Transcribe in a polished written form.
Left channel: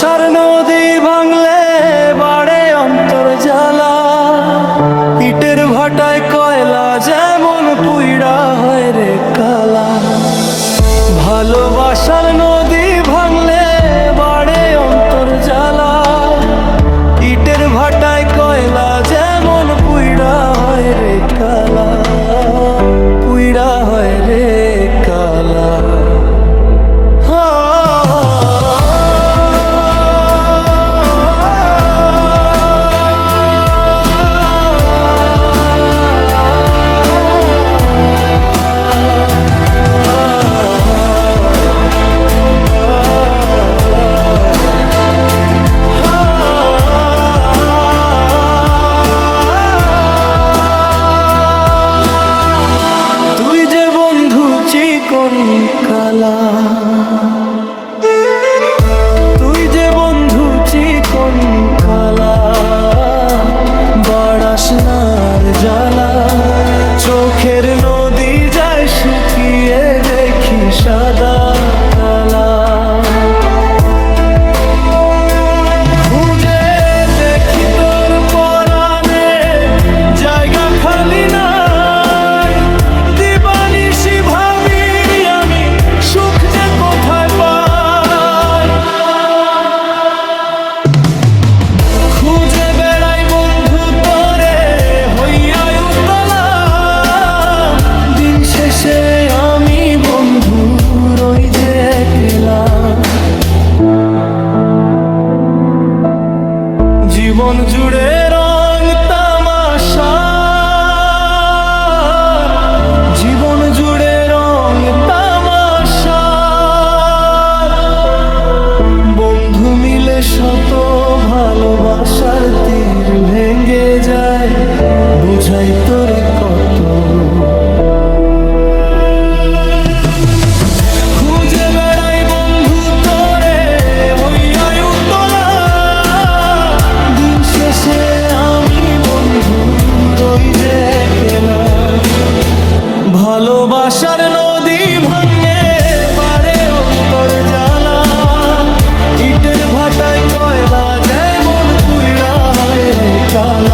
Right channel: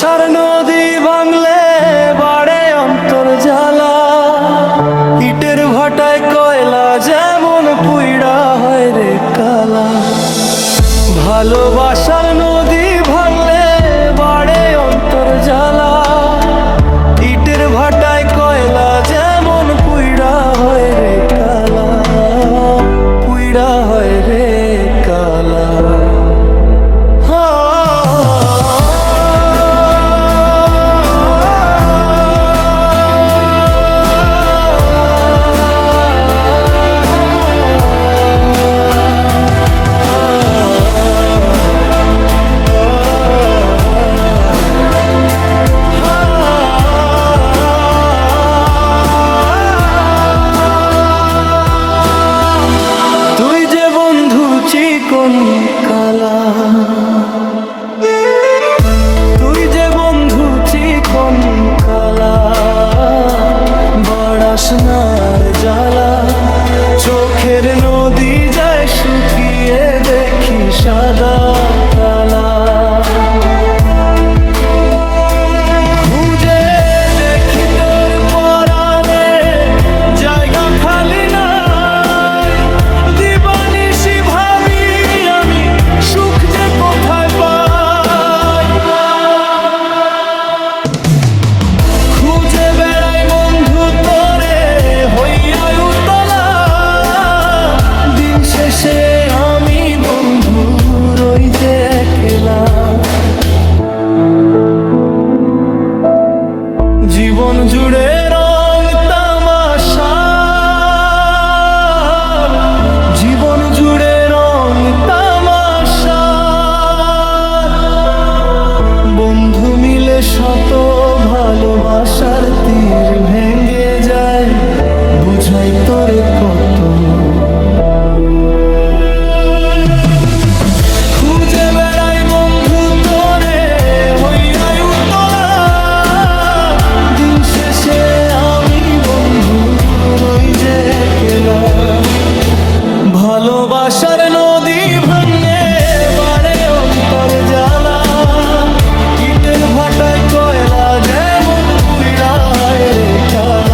ভালোবাসার নদী ভাঙলে বাড়ে অন্তর জ্বালা, ইটের ভাটায় কয়লা যেমন পুইড়া হয় রে কালা। ভালোবাসার নদী ভাঙলে বাড়ে অন্তর জ্বালা, ইটের ভাটায় কয়লা যেমন পুইড়া হয় রে কালা, পুইড়া হয় রে কালা। তুই যে বন্ধু চিকন কালা, তুই যে বন্ধু চিকন কালা, বাড়াস নার জ্বালা। চোখের নদী যায় শুকিয়ে দেখি সাদা কালা। খুঁজে দেখি তোর পরাণে জায়গা খালি না, খুঁজে বেড়াই বন্ধু তোরে হইয়া উতলা। দিন শেষে আমি বন্ধু রই যে একলা। জীবন জুড়ে রং তামাশা, জীবন জুড়ে রং তামাশা। বন্ধু মিলে শত ভালোবাসার তীর ভেঙে যায়, বুঝাই তোরে কত। খুঁজে বেড়াই বন্ধু তোরে হইয়া উতলা। দিন শেষে আমি বন্ধু রই যে একলা। ভালোবাসার নদী ভাঙে বাড়ে অন্তর জ্বালা, ইটের ভাটায় কয়লা যেমন পুইড়া হয় রে কালা।